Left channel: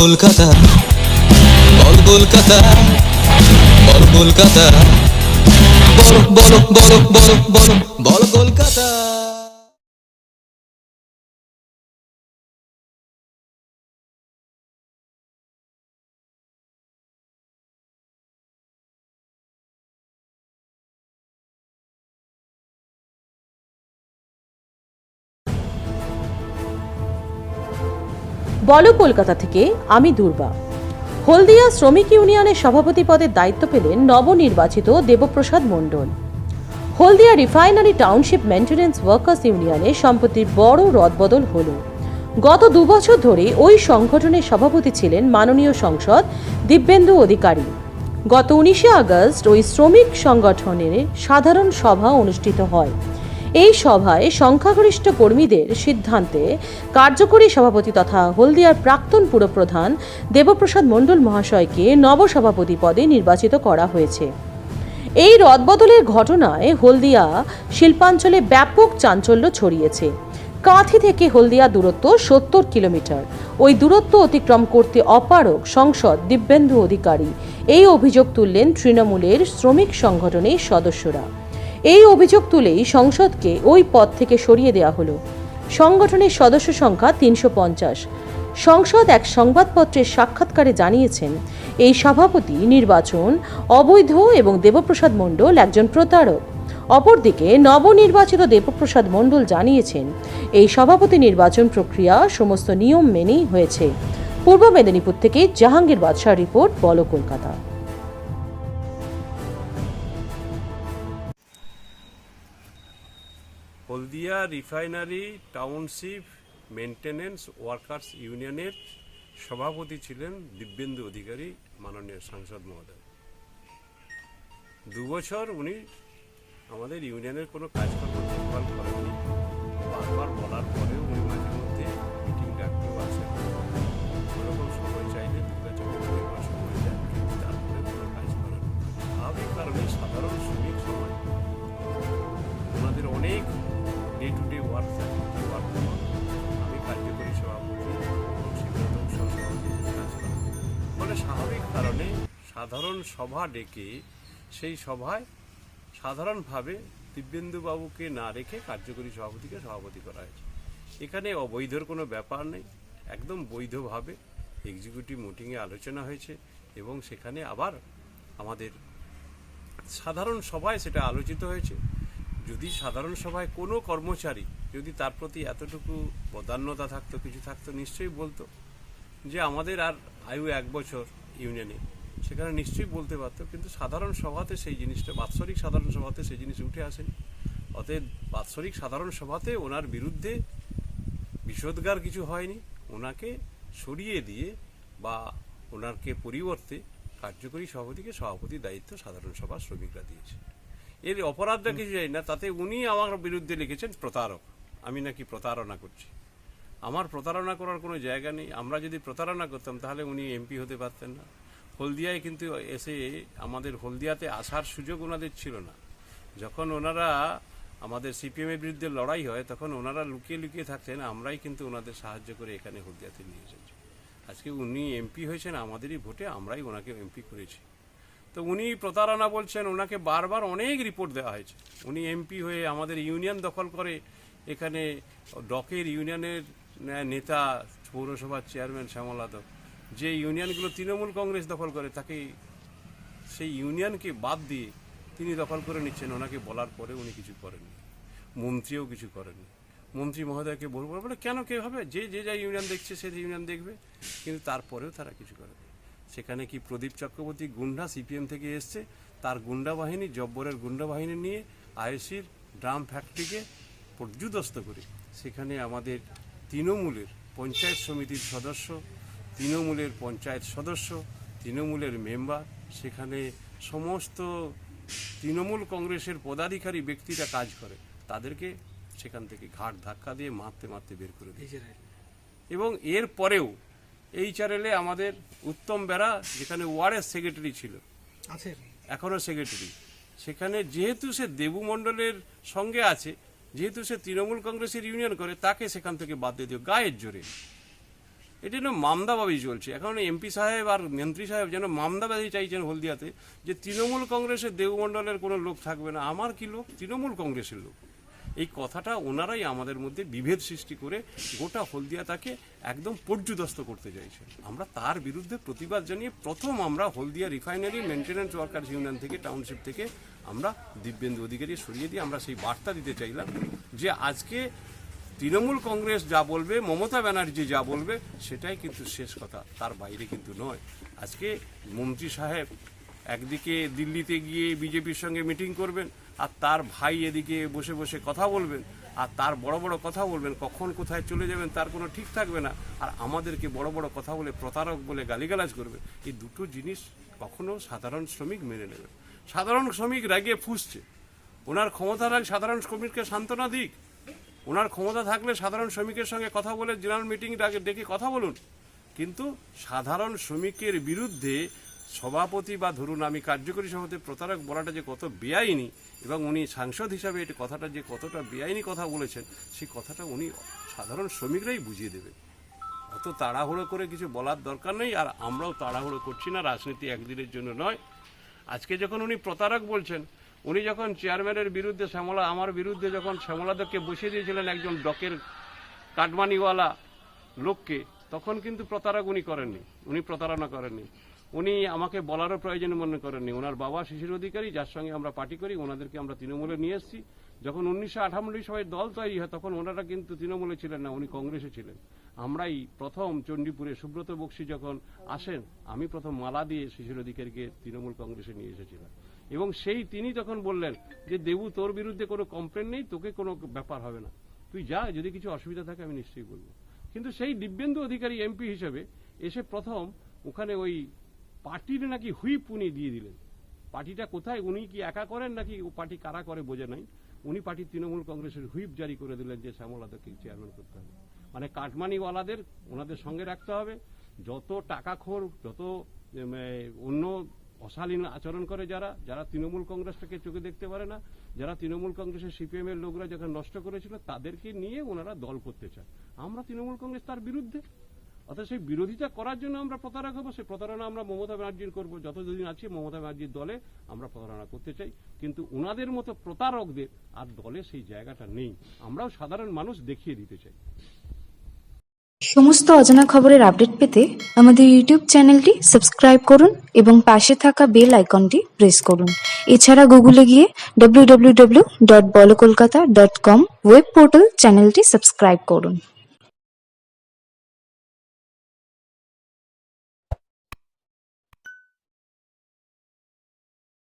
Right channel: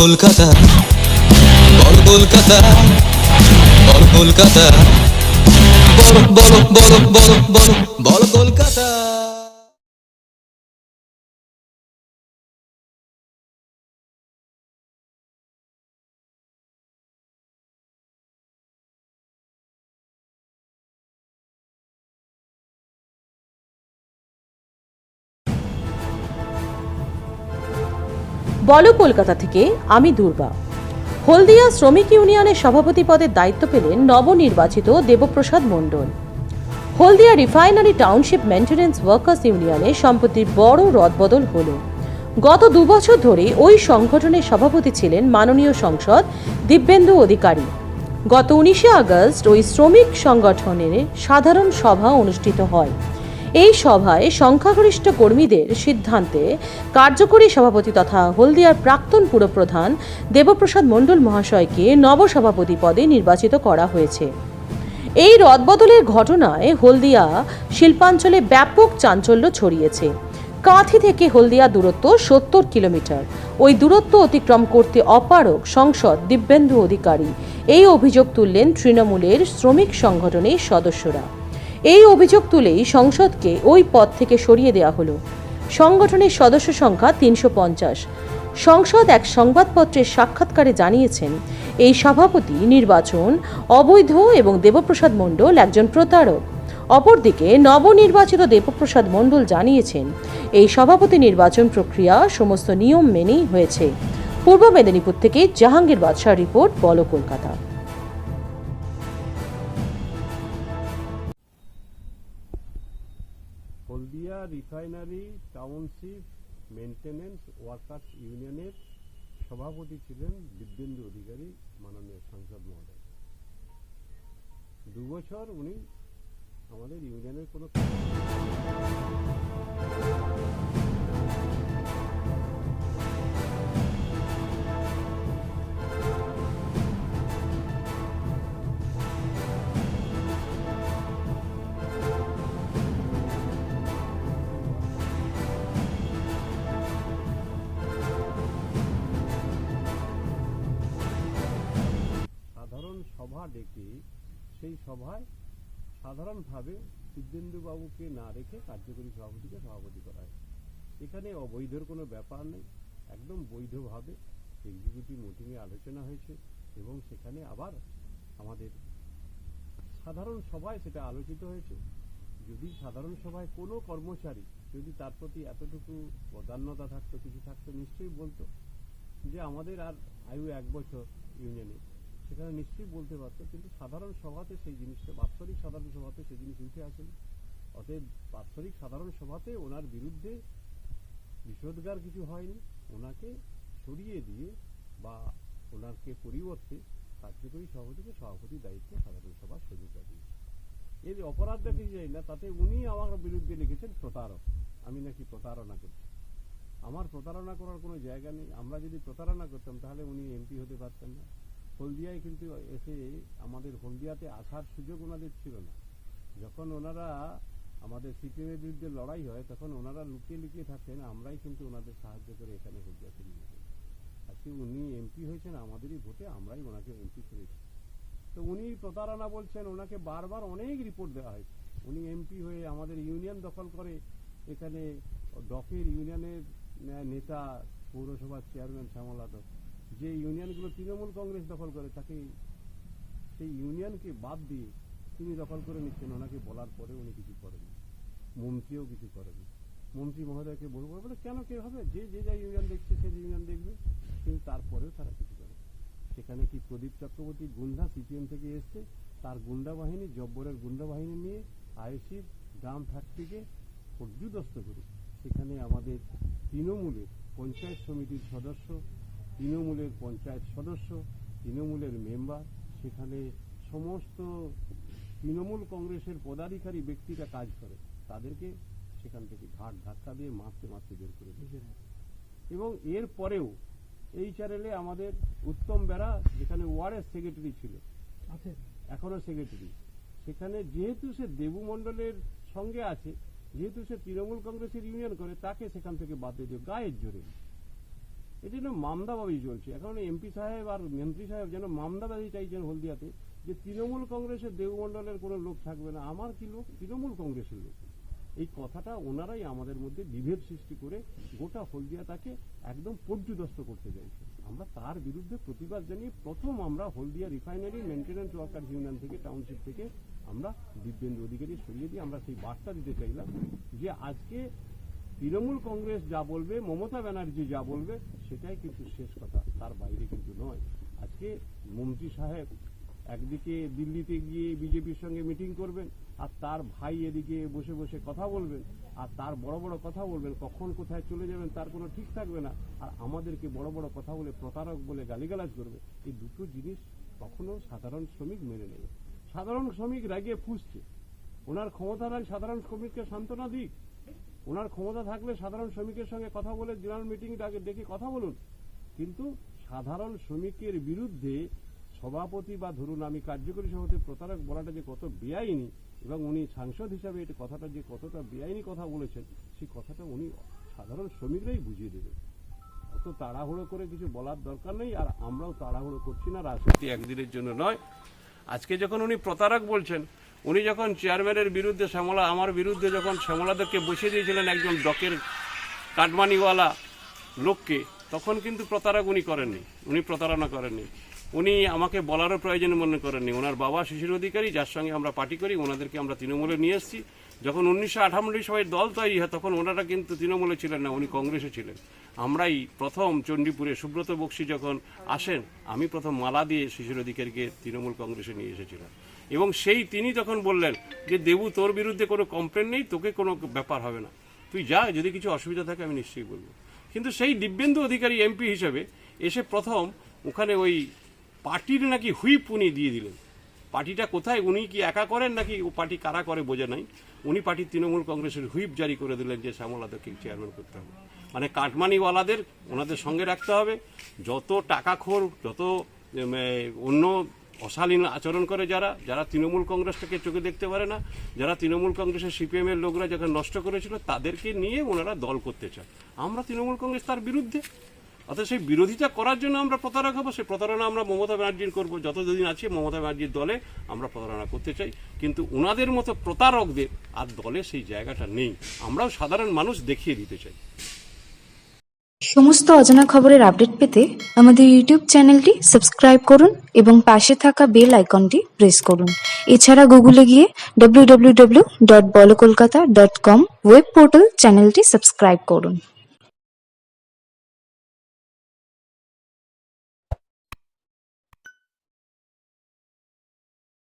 কলকাতা, বল কলকাতা, বল কলকাতা, বলো বলো বলো বলো বলো বল কলকাতা। বলো কলকাতা থেকে আমি দুর্বা। হলদিয়া শ্রমিক ইউনিয়নের সভাপতি পদের দায়িত্ব পেলেন নবনির্বাচিত দেবপ্রসাদ মণ্ডল। হলদিয়া রিফাইনারি টাউনশিপ মেইনটেন্যান্স ওয়ার্কার্স ইউনিয়নে সম্প্রতি বড় রদবদল হল। গত 2 বছর ধরে ওই সংগঠনের সভাপতি ছিলেন মাননীয় সাংসদ দিব্যেন্দু অধিকারী। গত 19শে আগস্ট ওই শ্রমিক সংগঠনের সাধারণ সভা অনুষ্ঠিত হয়। এই সভায় সংখ্যাগরিষ্ঠ কর্মীদের সিদ্ধান্তে কার্যকরী সভাপতি তথা হলদিয়ার প্রাক্তন পুরপ্রধান দেবপ্রসাদ মণ্ডল মহাশয়কে নবসভাপতি পদে নির্বাচিত করা হয়েছে। এই রদবদলের ঘটনায় হলদিয়া শিল্পাঞ্চলে ব্যাপক চাঞ্চল্য ছড়িয়েছে। কাঁথি থেকে হলদিয়া দূরত্ব 70 কিলোমিটার। ওই দূরত্ব অতিক্রম করতে অপারগ সাংসদ দিব্যেন্দু অধিকারী এই অভিযোগ তুললেন তৃণমূলের শ্রমিক সংগঠনের সদস্যরা। এই অভিযোগ তুলেই সংসদকে ওই পদ থেকে সরিয়ে দেওয়া হলো। সংগঠনের সদস্য সংখ্যা 350। সংসদ এক সংবাদপত্রের সাক্ষাৎকারে জানিয়েছেন, এই সভাপতি নির্বাচন অবৈধ এবং দেবপ্রসাদ মণ্ডল একজন প্রতারক। অপরদিকে নবনির্বাচিত দেবপ্রসাদ মণ্ডল জানিয়েছেন, এই সভাপতি নির্বাচন প্রক্রিয়া সমস্ত নিয়ম মেনেই হয়েছে। পূর্ব মেদিনীপুর থেকে জাহাঙ্গীর বাদশাহ রিপোর্ট, বলো কলকাতা। হলদিয়া রিফাইনারি টাউনশিপ মেইনটেন্যান্স ওয়ার্কার্স ইউনিয়নের সভাপতি ছিলেন দিব্যেন্দু অধিকারী মাননীয় সাংসদ মহোদয়। 2 বছর উনি আমাদের ইউনিয়নের কোনো কাজ বারবার বলার পরেও মাঝে মধ্যে মিটিং ডাকতে পারছেন কারণে সাধারণ শ্রমিক ওনাদের অনেক ডে টু ডে ওয়ার্ক কার্যকরী ফলে স্বাভাবিক কারণে সাধারণ সভা ডেকে সেই সভায় সাধারণভাবে দিব্যেন্দুবাবুকে না রেখে কার্যকরী সভাপতিকে সভাপতি করা হয়েছে। এখানে অবৈধর কোনো ব্যাপার নেই, একদম বৈধভাবে এক্সিকিউটিভ মিটিংয়ে আলোচনা হয়েছে এবং সেখানে আবার আমাদের সাধারণ সভায় সেটা আলোচিত হয়েছে। যদি সাধারণ সভায় কোনো কর্মচারী যদি তার প্রতি এতটুকু বদান্যতা থাকতো, কিছু থাকতো, নিশ্চয়ই বলতো যে আমাদের আর আয়ু 1 বছর ইউনিয়নে, সেখানে নিশ্চয়ই বলতে পারতো। কিন্তু সাধারণ সভাতে সেই জিনিসটা, বাৎসরিক সাধারণ সভাতে সেই জিনিস উঠে আসেনি। অতএব বাৎসরিক সাধারণ সভাতে ওনার বিরুদ্ধে বিষোদ্গার কিছু হয়নি। ওনাকে সরিয়ে দিয়ে বা ওনাকে পরিবর্তে কার্যকরী সভাপতিকে সভাপতির দায়িত্ব সাধারণ সভা শ্রমিকরা দিয়েছে। এর অপরাধটা কিছু জানি না, তাতে উনি আমার বিরুদ্ধে লিখেছেন প্রতারক, আমি নাকি প্রতারণা করছি। আমার প্রতারণা করার কোনো জায়গা নেই। আমরা যদি প্রতারণা করতাম তাহলে উনি এমপি হতে পারতেন না। হলদিয়ায় কিন্তু এসে আমাদের হলদিয়াতে আসার সুযোগ ওনাদের ছিল না। যখন ওনারা আমাদের সিপিএমের বিরুদ্ধে লড়াই হয় তখন ওনারা লুকিয়ে লুকিয়ে থাকতেন, আমরাই কিন্তু ওনাদের সাহায্য করে এখানে হলদিয়াতে নিয়ে এসেছি। আজকে উনি এমপি হয়েছেন আমাদেরই ভোটে, আমরাই ওনাকে এমপি করেছি। তো উনি প্রতারণা বলছেন, ওনাকে বারবার অনেক রিপোর্ট দেওয়া হয়েছে। উনি এমপি হয়ে আমাদের ইউনিয়ন দখল করে, এখানে ডকের ইউনিয়নের নেতা পৌরসভার চেয়ারম্যান শ্যামল যাদব, যে ইউনিয়নগুলো তৃণমূল কংগ্রেস দখল করে তাকে সেই ইউনিয়নকে বাদ দিয়ে তিনি দখল করে নিচ্ছেন। ওনাকে বলার পরে উনি কিছু করেননি, মন্ত্রীও কিছু করেননি। মন্ত্রী মহোদয়কে বলবো বলে কেন কে হবে, যে যে যা ইউনিয়ন দেখছে সে ইউনিয়ন দেখবে, কিন্তু তারপরেও তারা কিছু করেনি। সেখানে কি প্রদীপ চক্রবর্তী গুন্ডা সিপিএম থেকে এসছে, তার গুন্ডা বাহিনী, জব্বরের গুন্ডা বাহিনী নিয়ে আইএসির ড্রাম ফ্যাক্টরিকে পর্যুদস্ত করে সেখানে আমাদের তৃণমূলের পঞ্চায়েত সমিতির সদস্য, তৃণমূলের পঞ্চায়েত সদস্য, তৃণমূলের মেম্বার, সেখানে সমস্ত তৃণমূল কংগ্রেসের পদাধিকারী ব্যক্তিরা কাজ করে, তাদেরকে সেখান থেকে ঘাট ধাক্কা দিয়ে মারতে মারতে বের করে দিয়েছে। এবং এর পরেও এইচআরএলে আমাদের উত্তম বেরা, যেখানে ওয়ার্ডের সেক্রেটারি ছিল, এখনও সেক্রেটারি, সেখানে যেহেতু সে দেবু মণ্ডলের সঙ্গে আছে, যেহেতু সে তৃণমূল কংগ্রেসের ইউনিয়ন করে, তাকে সেখান থেকে বাদ দিয়ে দিও গায়ের জোরে। এটা যেন মামদাবাজি চলছে। এখন এমপি সাহেব আর মন্ত্রী সাহেব যেন মামদাবাজি চাইছেন হলদিয়াতে, যে তৃণমূল কংগ্রেসের দেবমণ্ডলের কোনো লোক থাকবে না। আমার কি লোক? তৃণমূল কংগ্রেসের লোক। এই কথাটা ওনারাই আমাদের মধ্যে বিভেদ সৃষ্টি করে গোটা হলদিয়াটাকে একদম পর্যুদস্ত করতে চাইছে। আমরা তার বিরুদ্ধে প্রতিবাদ জানিয়ে প্রথম আমরা হলদিয়া রিফাইনারি মেনটেন্যান্স ওয়ার্কার্স ইউনিয়ন থেকে, টাউনশিপ থেকে আমরা দিব্যেন্দু অধিকারী সরিয়ে দিয়ে আমরা সেই বার্তা দিতে চাইলাম যে আজকে তৃণমূল কংগ্রেস যা বলবে, মমতা ব্যানার্জি যা বলবে, সেটাই কিন্তু শেষ কথা, তার বাইরে কিন্তু নয়। আজকে মন্ত্রী সাহেব একদিকে দিল্লিতে গিয়ে বিজেপির সঙ্গে মিটিং করবেন, আর তার ভাই এদিকে বসে বসে কথা বলবেন, আর তার বড় বড় কথা বলবেন, কখন কোথায় চলে যাবেন তার কোনো ঠিক থাকবে না, আর আমাদেরকে বড় বড় কথা বলে প্রতারক বলে গালিগালাজ করবে। এই দুটো জিনিস কখনো সাধারণ শ্রমিক মেনে নেবে। সাধারণ শ্রমিক রাগে ফুঁসছে, ওনার ক্ষমতা রাখ, সাধারণ শ্রমিককে সান্ত্বনা দিক। ওনার ক্ষমতা থাকলে সাধারণ শ্রমিকের সঙ্গে কথা বলে জেনারেল মিটিং ডেকে কথা বলুন, কিন্তু সাধারণ শ্রমিকের বিরুদ্ধে সভাপতি বা ধরুন আমি কার্যকরী সভাপতি প্রতারক বলাটা যে কত বেআইনি, এবং উনি সাংসদ হিসাবে এই কথাটা যে কতটা বেআইনি কথা বলেছেন, সেই কথাটা উনি সাধারণ শ্রমিকরাই বুঝিয়ে দেবে। অত তাড়াহুড়ো করে কিছু বলার দরকার নেই, আর আমরাও তাড়াহুড়ো করছি না। রাজনীতি একদিনের জন্য নয়। আজকে যখন উনি প্রতারক বলছেন, উনি যখন চেয়ারম্যানের বিরুদ্ধে আমার বিরুদ্ধে যখন শ্যামলাদেরকে বসিয়ে দিয়েছিলেন একজন ডকের কাটমানিওয়ালা লোককে, তখন কিন্তু প্রতারক উনি করেননি, উনি প্রতারণা করেননি। উনি আমাকে বলারও প্রয়োজন মনে করেননি। ওনার বাবা শিশির অধিকারী, যার সঙ্গে আমরা পার্টি করি, ওনাদেরকে আমরা তৃণমূলে নিয়ে এসেছি। যখন 1998 সবাই দল তৈরি হয়, তখন ওনারা কিন্তু তৃণমূলে ছিলেন না, উনি কংগ্রেসে ছিলেন। আমরাই প্রথম চণ্ডীপুরে সুব্রত বক্সী যখন আসেন, আমি প্রথম মালা দিয়ে শিশির অধিকারীকে তৃণমূল কংগ্রেসে নিয়ে এসেছিলাম। এবং তিনি তখন বললেন যে দেবু, তোর বিরুদ্ধে কোনো কমপ্লেন নেই, তোকে কোনো ব্যাপার হবে না, তুই যা, যদি কিছু অসুবিধা থাকে আমি নিশ্চয়ই বলবো। কিন্তু সেই দিব্যেন্দু অধিকারী এমপি হিসেবে এসে প্রথম ওখানে ওই পার্টির নাকি হুইপ উনি দিয়ে দিলেন। পার্টিটা কোথায়, উনি কি একা করেন নাকি ও পার্টি কারা করে বোঝে নাই, উনি পার্টির তৃণমূল কংগ্রেসের হুইপ জারি করে দিলেন যে শ্যামলাদেরকে চেয়ারম্যান করতে হবে। মানে কাটমানিওয়ালাদের ওনাদের সঙ্গে রাখতে হবে। যত টাকাখোর, যত অন্য অশালীন আচরণ করে যারা তৃণমূল কংগ্রেসটাকে চোখে দেখতে পারে না, যারা তৃণমূল কংগ্রেসের সিপিএমের লোকরা যখন নষ্ট করেছিল, তাদেরকে নিয়ে ওনারা দল করতে চায়। আমরা তৃণমূল কংগ্রেস তার বিরুদ্ধে, অর্থাৎ সেই বিরোধিতা করার জন্য আমরা প্রতারক হবো। সেই প্রতারণা আমরা মমতা ব্যানার্জির করবো। যতদিন আছে মমতা ব্যানার্জির দলে আমরা প্রতারণা করতে চাই, কিন্তু ওনাদের মতো প্রতারকদের আর দলে সেই জায়গাটা নেই। আমরাও সাধারণ মানুষ দেখিয়ে দিতে চাই। সমস্ত অজানা খবরের আপডেট পেতে আমাদের ইউটিউব চ্যানেলটি সাবস্ক্রাইব করুন এবং পাশে থাকা বেল আইকনটি প্রেস করুন। এছাড়া গুগলে গিয়ে www.bolokolkata.com ওয়েব পোর্টাল চ্যানেলটি সাবস্ক্রাইব করুন।